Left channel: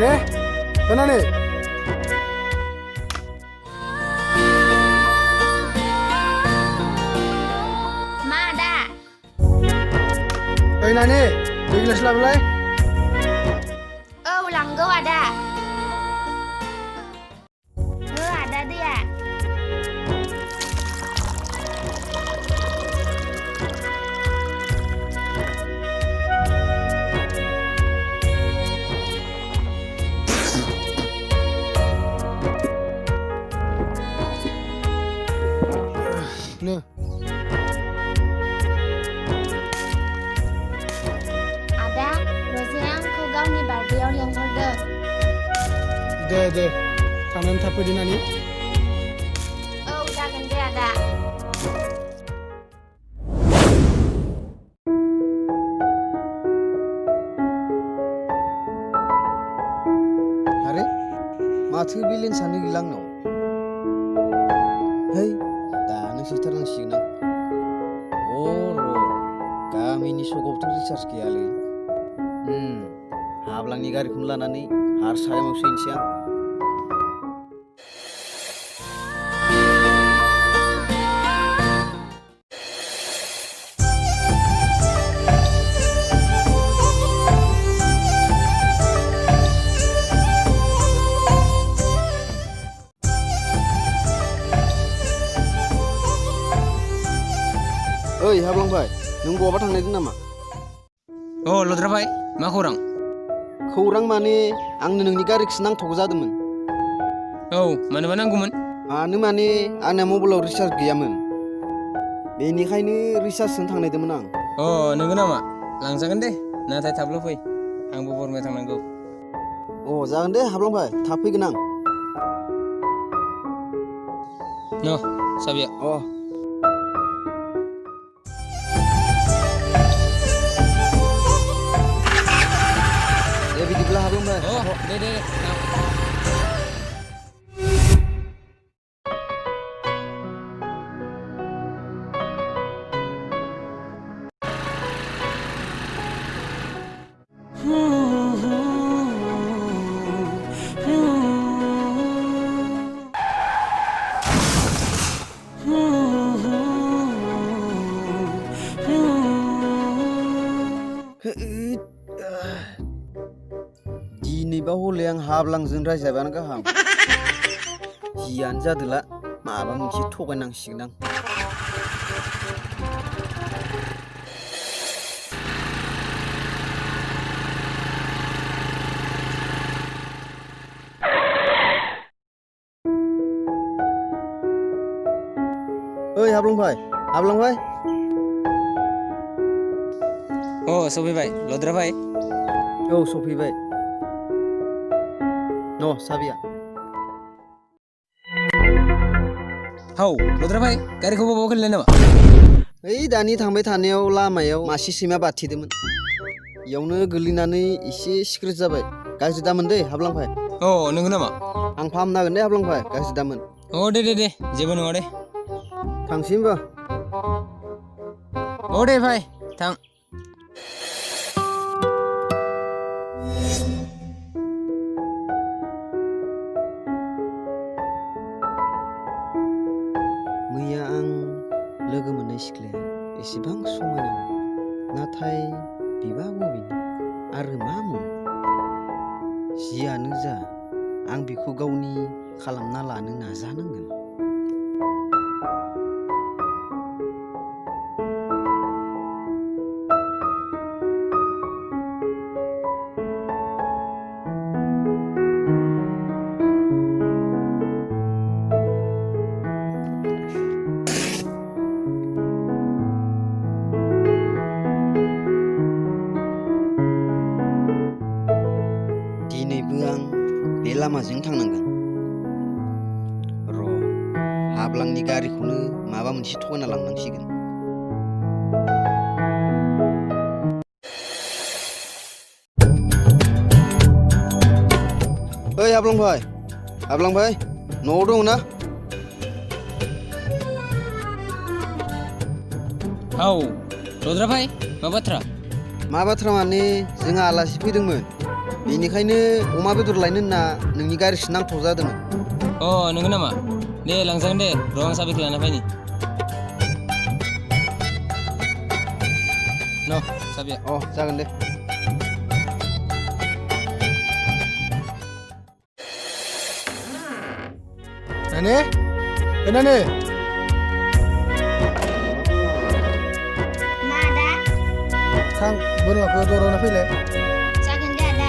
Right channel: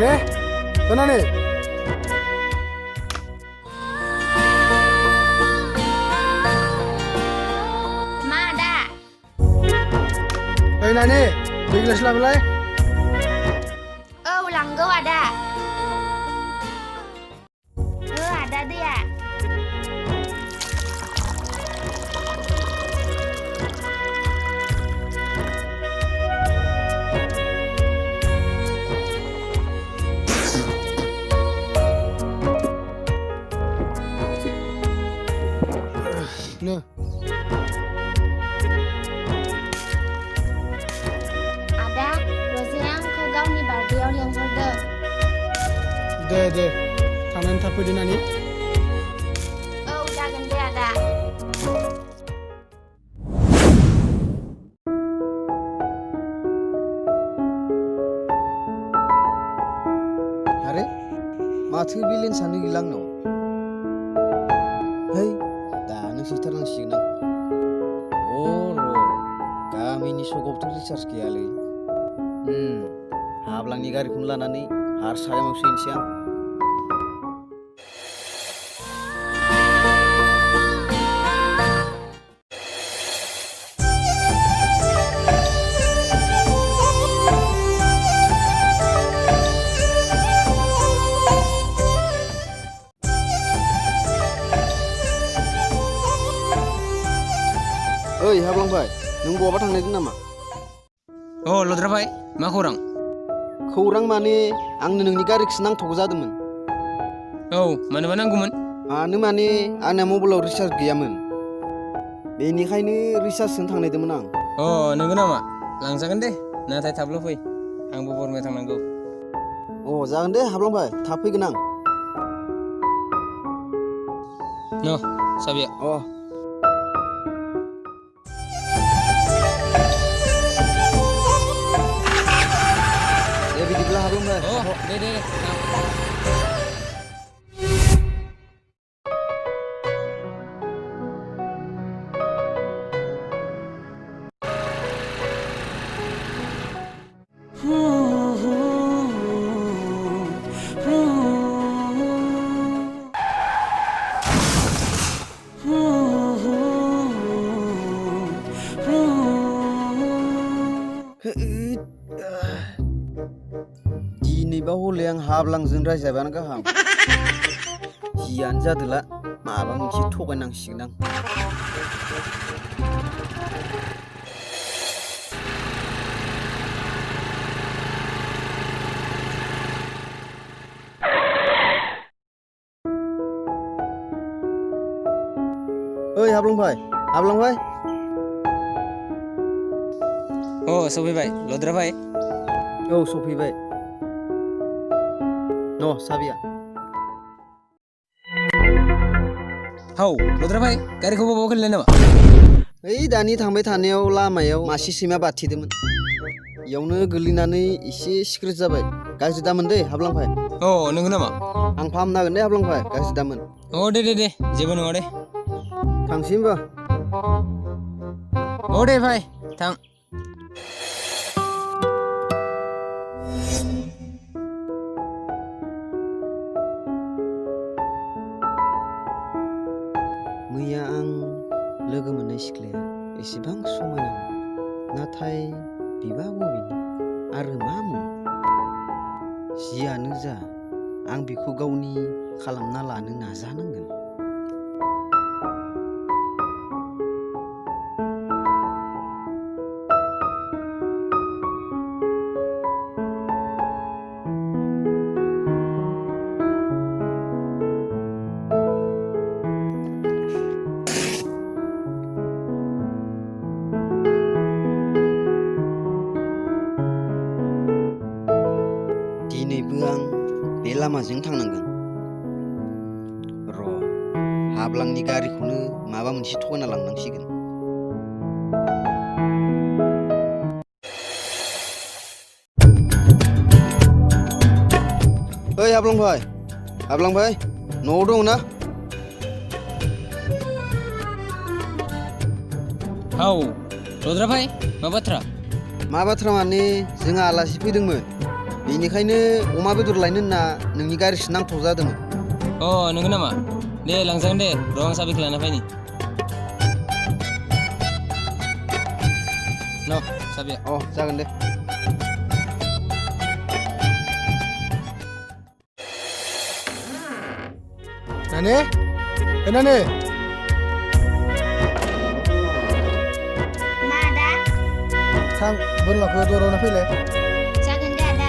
Ane, mana nih? Ma ada. Nani, beli gelas lah belai. Langgo ada. Ada dia. Nih. Ada. Roseang kau gauni bardiau yang sorder. Deh. Tangan tapi di nani. Jagan dia ada. Hare, माथो villain सानो गिलां नाव? Hei, दानो सैथारनांसिगोन आं। गामिनि सगावथ' recharge गैयालै। हाब्लांनि गारिखौनो लानानै हारसायाव सैनोसै आं। Oi, Hablangbai, nों बहाबा थांनायदों नामा? लद्राभाई, मा खौरां? खौरां माने आंनो नोंनि गारिखौसो नांथ'गौ जादोंमोन। मानोबा नांगौमोन? मानो माने आंना मबाइलाव रिसार्ज गैयामोन। बेनिखायनो रिसार्ज सोनो थांनायदोंमोन आं। नोंगौ नामा? लांजागोन दे, नाथाय थाबल' फै। आंबो बरमायाव थांनांगौ। जागोन दे हाब्लांबाय, थाब फैगोन आं। साबिया। बिदिब्ला हाब्लांबाय। दे। दिनैबा हले आं हाब्लांजों रायजाबायानो गाहाम। जियानो जादोला, माबा मोनसे थगायनांसिगोन आं। ओइ हाब्लांबाय। सफैबाय लद्राभाई। सफैबाय। साबिया। लद्राभाई, गारिखौ बबाव खोलैनाय नामा? ओइ दानि थांबाय थानायाव लामायाव मासे सैमा बाथिदोंमोन। इयावनो गोलैनानै एसे सिक्रेट जाबाय। गाज्रि दामोन दे हाब्लांबाय। नोंगौ नामा? आं फाहामनो हागोन दे हाब्लांबाय, गाज्रि दामोन। दे जेबो नङा दे। थांसै होमबा। दे भाई, थां। मैया आं लोगो मोननाय सिख्लाया एसेबां समायनामोन, नाथाय बिबा बबेनि आरो मा मुं? जियानो जा, आं बिखौ गावनि खालामना लानो नाजानांगोन। दिनैबो आं बे लामाजों थांनांगोन। हाब्लांनि गारिखौनो माबा मोनसे थगायना लांनांसिगोन। ओइ हाब्लांबाय, न'आव दङ ना? लद्राभाई, मा बाथ्रा? मा बाथ्रा माने जोंहा आलासि फैदोंमोन। बेनिखायनो अमा बेदर लायनो होनना नोंनि गारिसो नांथाव जादोंमोन। नंगौ नामा? दे लांजागोन दे, र' आं साबिखौ लाना फैनि। न' साबिया। जागोन दे। नानि नानि मा आदा? थां बोरमाखौ दरावना फैलाय। जागोन दे आदा।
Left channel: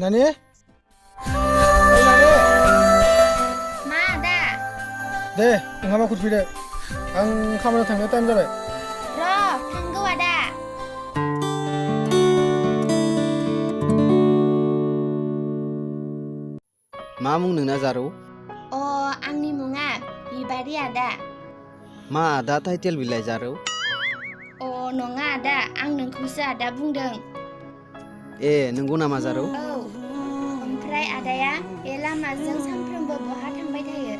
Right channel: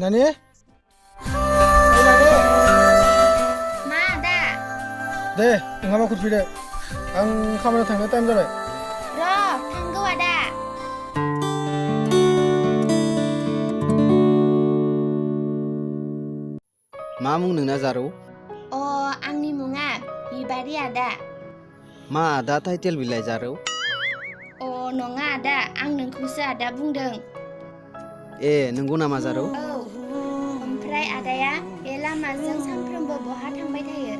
नानि नानि मा आदा? दे ओंखामा खुरफैदो, आं खामानियाव थांनो टाइम जाबाय। र' थांगौ आदा। मा मुं नोंना जारौ? आंनि मुङा बिबारि आदा। मा आदा टाइटेल बिलाइ जारौ? नङा आदा, आं नोंखौसो आदा बुंदों। नंगौ नामा जारौ? औ, ओमफ्राय आदाया बे लामाजों सानफ्रोमबो बहा थांबाय थायो?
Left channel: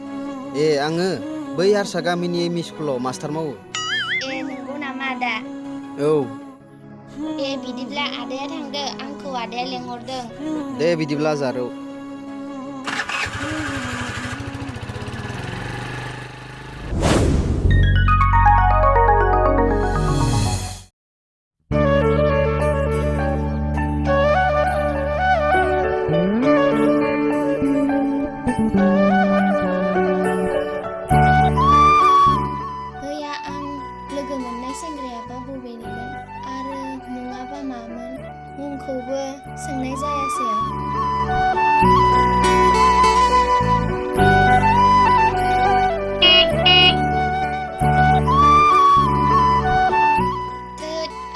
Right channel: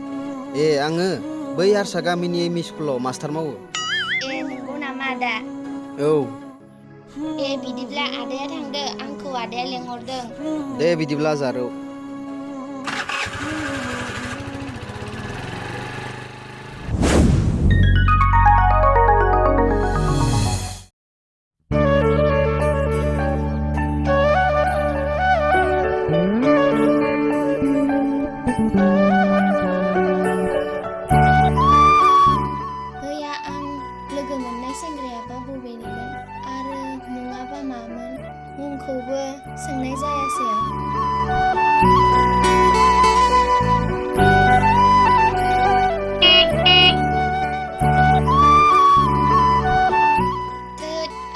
आङो बै हारसा गामिनि एम इ स्कुलाव मास्टार मावो। नंगौ नामा आदा? औ। बिदिब्ला आदाया थांदो, आंखौ आदाया लेंहरदों। दे बिदिब्ला जारौ। मैया आं लोगो मोननाय सेंग्रायाबा बबेनिमोन आरो मुङाबा मामोन? मुंखौबो सोंनाय जायासै आं।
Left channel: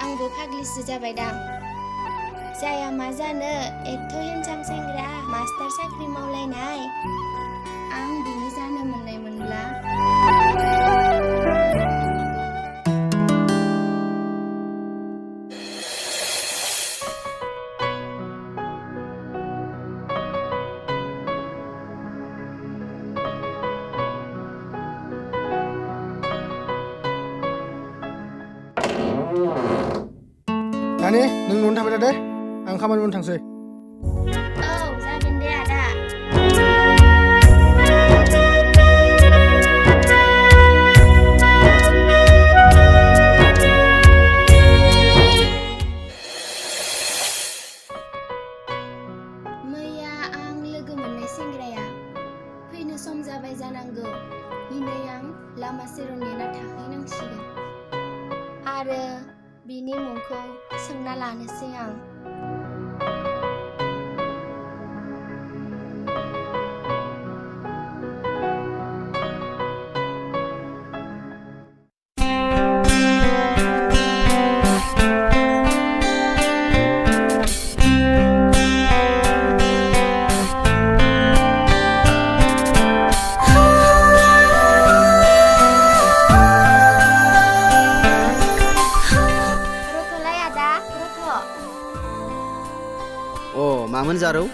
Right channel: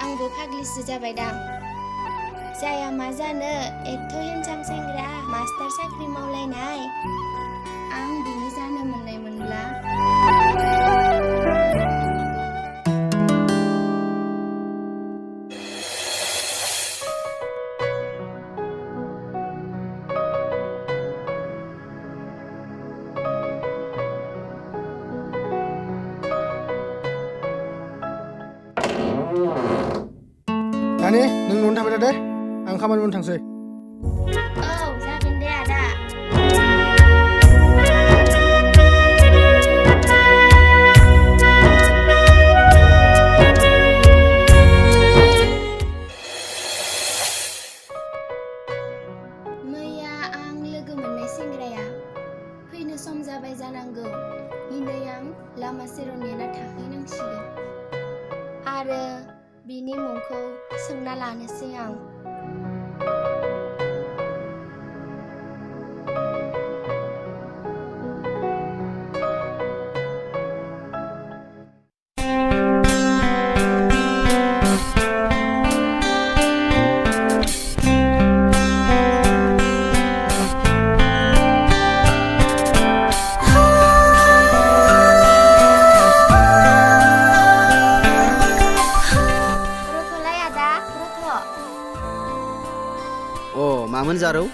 आंबो फाग्लिसो जाबायदां। जाया मा जानो, एथ' हेन्डसाम सेंग्रा मास्टार साख्रि मावलायनाय। आं बिनि जानो मोननायमोनब्ला। नानि नों न'आवनो थाबाय था दे, आं खामानि मावनो थांसै। औ, जागोन दे आदा। मैया आं लोगो मोननाय सेंग्राया फैनो सम जाबाय जानांगौ। दिनै आं लामा सेराव नेना थाहैनांसिगोन आरो बिनि मुंखौ सोंना लानोसै आं। रथ'लाय आदा, रथ'। मामोन जारौ?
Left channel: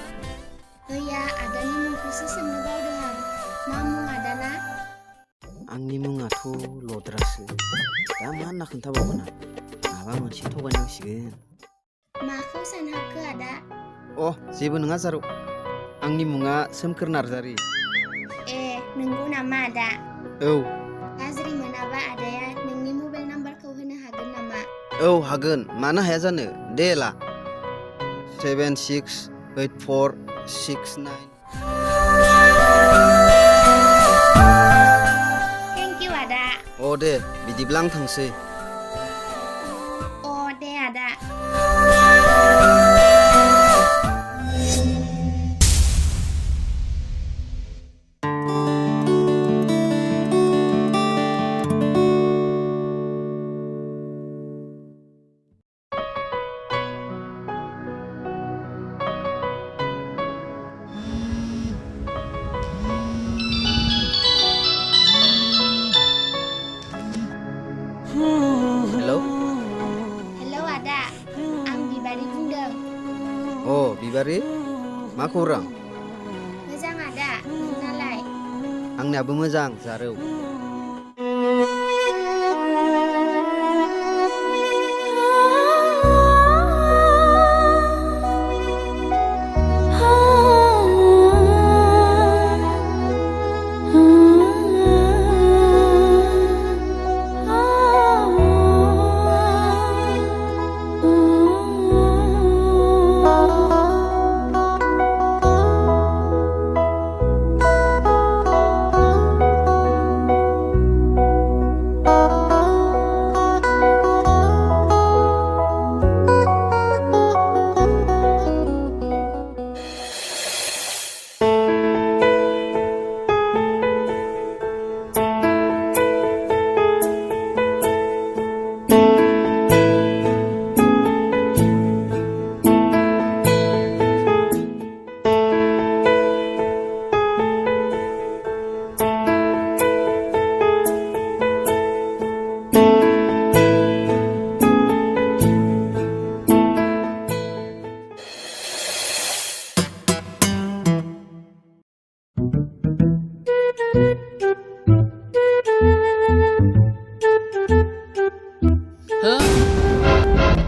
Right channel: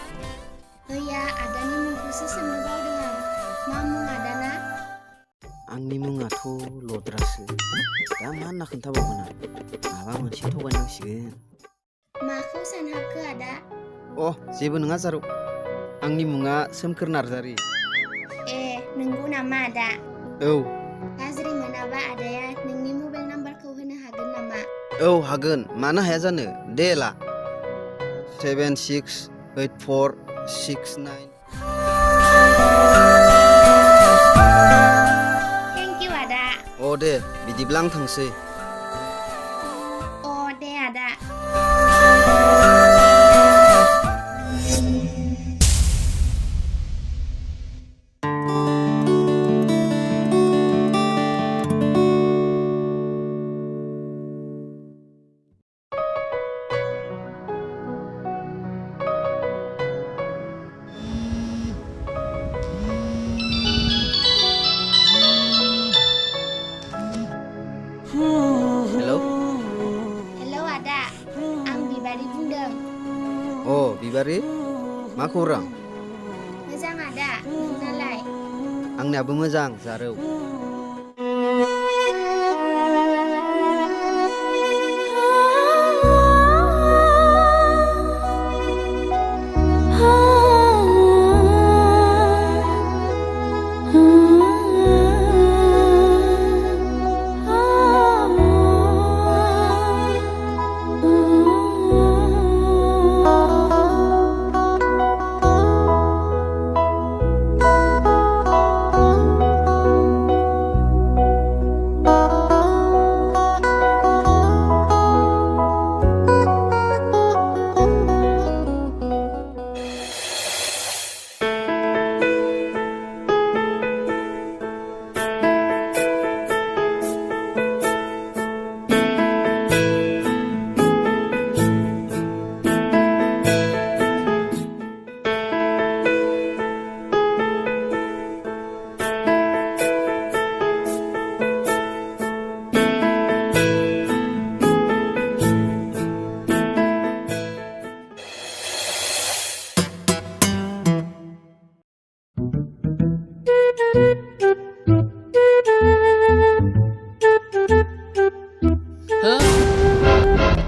मैया आदानि मुंखौसो सोंनो बावदों आं। मा मुं आदाना? आंनि मुङाथ' लद्रासो। दा मा होनना खोन्थाबावगोन आं? माबा मोनसे थगायनांसिगोन। माखौ सानहाबखो आदा? जेबो नङा जारौ। आंनि मुङा सोमखोर नार्जारि। नंगौ नामा आदा? औ। गाज्रि मोनाबा आदाया नोंनि मबाइल नाम्बारखौ होनो हागोन नामा? औ हागोन, मानो हाया जानो। दे ला। 768469। थेंक इउ आदा। दे बिदिब्ला आं थांसै। दे आदा। बिबारि बुंदों। बिबारि मा खौरां? मोजां आदा, नोंनालाय? आंनियाबो मोजां जारौ।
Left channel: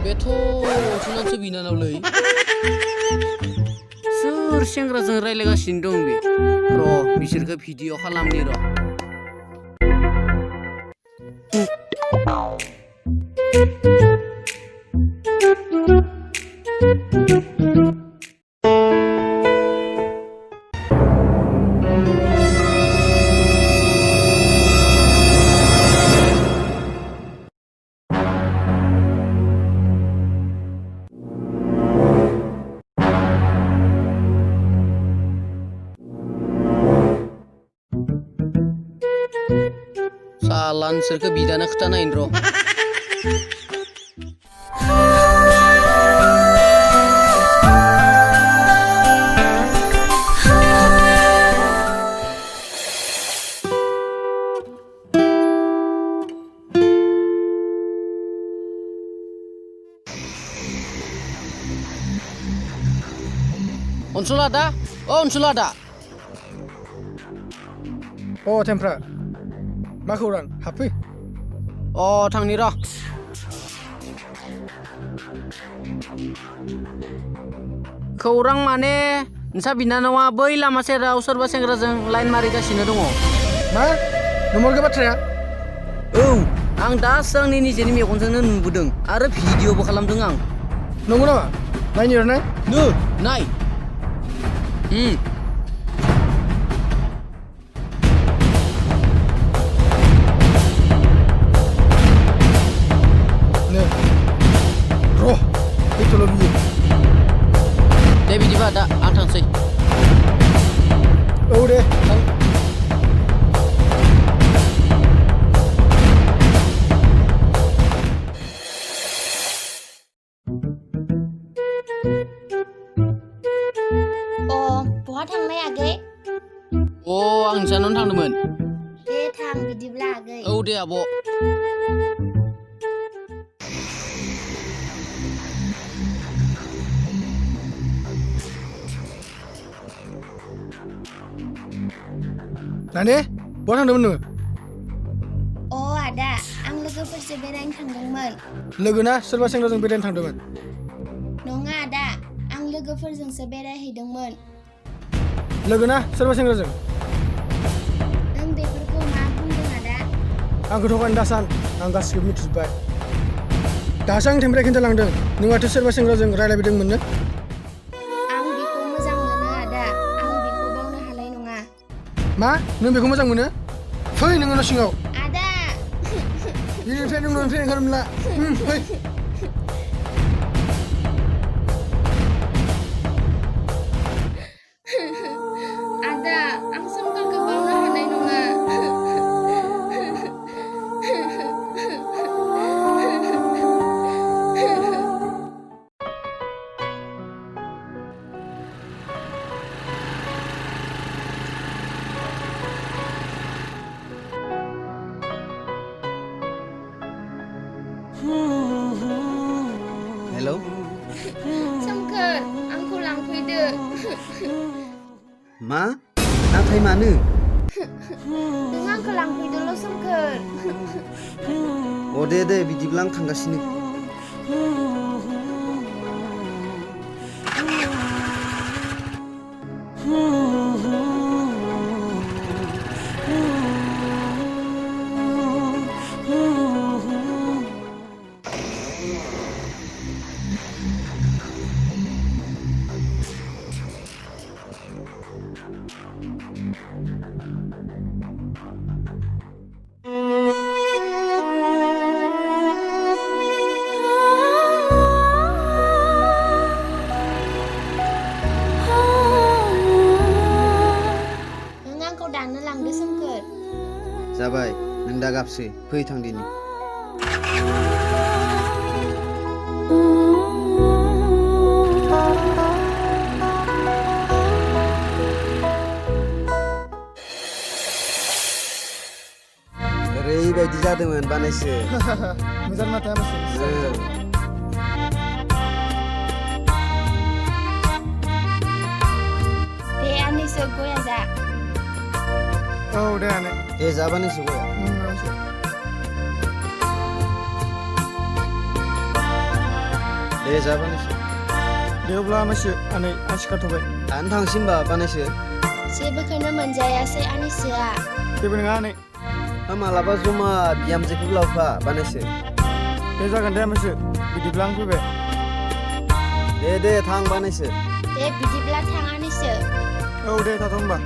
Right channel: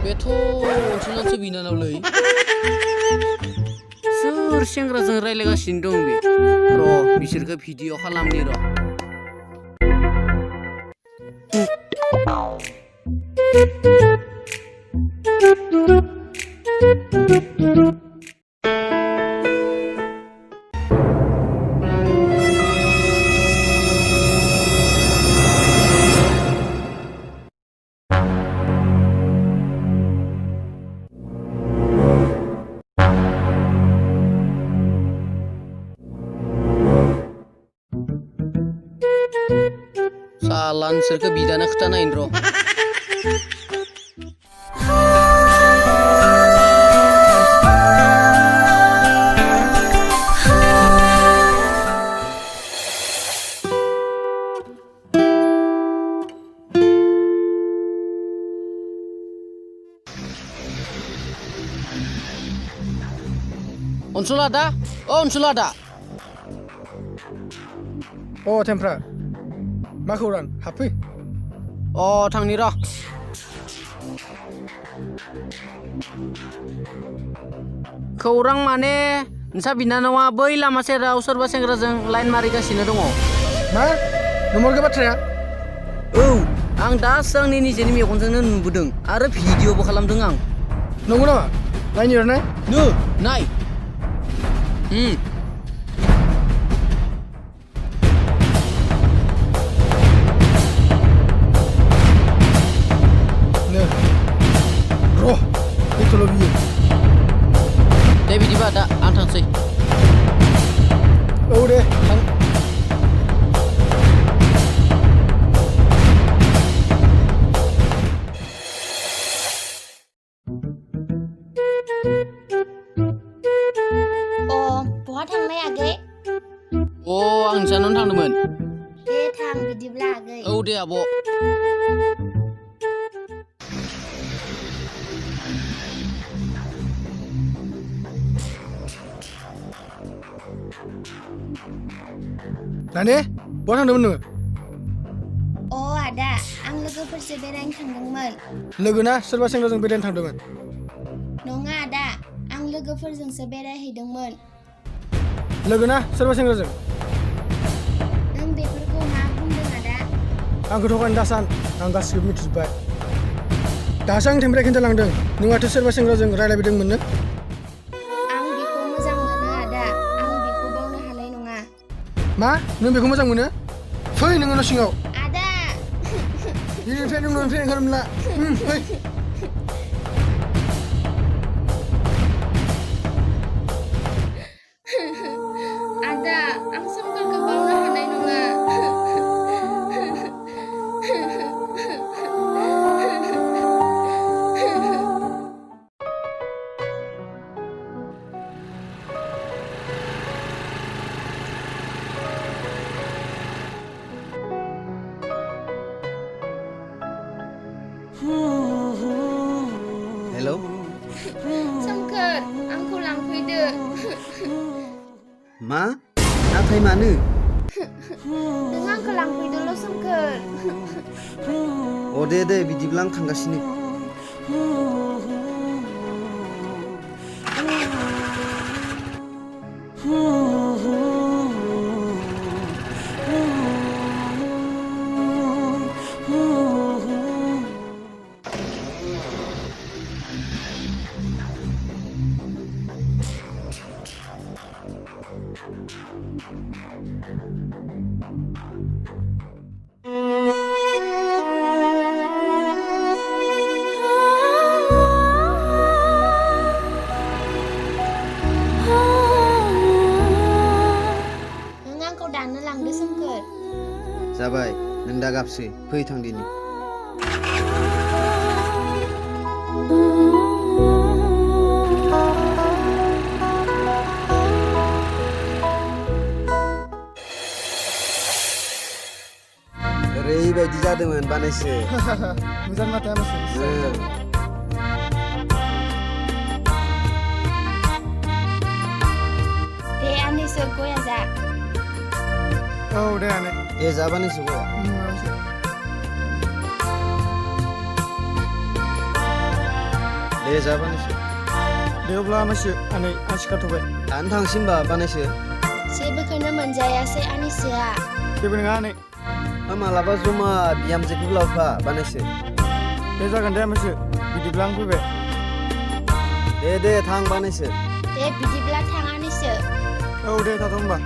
बेथ' अनसुलासो बिनानावलै। सोर सेंग्राजों रायलायगासिनो दं बे? र' बिसोरखौ भिडिअ खालामनि र'। साला नोंसोरखौ बिदानो खोथानायनो र'। अनसुला दा अनसुला दा थेमफ्रा मा खौरां हाबफै। थांनि र'। खौरां माने नोंसा बिनानावा बै लामा सेराव सोरबा सेंग्राजों लाइन मारिगासिनो दङ। मा नंमारगौ बाथ्राया? आं दासो आंनि निजेनि मेगनजोंनो नुबोदों आरो भिडिअबो खालामदों आं। नंगौ नामा? नायनि र' नाय। नाय। र' फैथ'ल' बियो। दे बिदिबा दा आं थांसै। दे थां। बहा थांनाय आगै? आं नोंसानावनो थांदोंमोन। दे थां बिदिब्ला आगै। दे आब'। नानि बहा थांदोंमोन नोङो? आदा, आं लोगोफोरजों बेरायनो थांदोंमोन। लोगोना सोरबा सेंग्राजों बेरायनो थांदोंमोन? नङा आदा, आं लोगोफोरजोंसो बेरायहैदोंमोन। लोगोना सोरबा सेंग्राजों? नों बेफोरखौ मा बुंदों आदा? आंखौ थगायनो दासान, आं गासिबो मिथिजोब्बाय। दासो आं थेमफ्राया खिन्थालांदों नों माथो सोरबा सेंग्राजों रायलायबायदोंमोननो। आं बेखौ मोजां मोनो आदा, आं बेखौ बावनो हानाय नङा। मा? नों बेखौ मोजां मोनो? फै नोङो न' सिङाव। आदा! दिनैनिफ्राय नों न'निफ्राय ओंखारनो मोनला। फै। आदा, आं सोमखोरखौ बावनो हानाय नङा। सोमखोर आंखौ लांफैदो मा नाथाय मानो नों आंखौ लांफैदोल' सोमखोर अ दे बिदिब्ला आं थांगासिनो नों आंखौ दानो लांदो सोमखोर जाबाय नों दा गाबसै फै थांदिनि ओरैबायदि जादोंमोन बानायसो मोजां माथो आमासो दे आनैसो गया जा औ दे आनै दे जा बानायसो गया आमासो दे जा बानायसो दे अब्ला आमासो आनै आं सिखारथ'बाय दानो थांसै होमबा बानायसो जेबोखौनो मोनजायासै आनैसोआ जेबो नङा आनै मालाबा जमा बिहामजोखौ लावफा बानायसो दे जागोन दे आमासो बिदिब्ला आं फैबाय दे थां बानायसो दे बिदिब्ला थां आनैसो औ दे थाथ' होमबा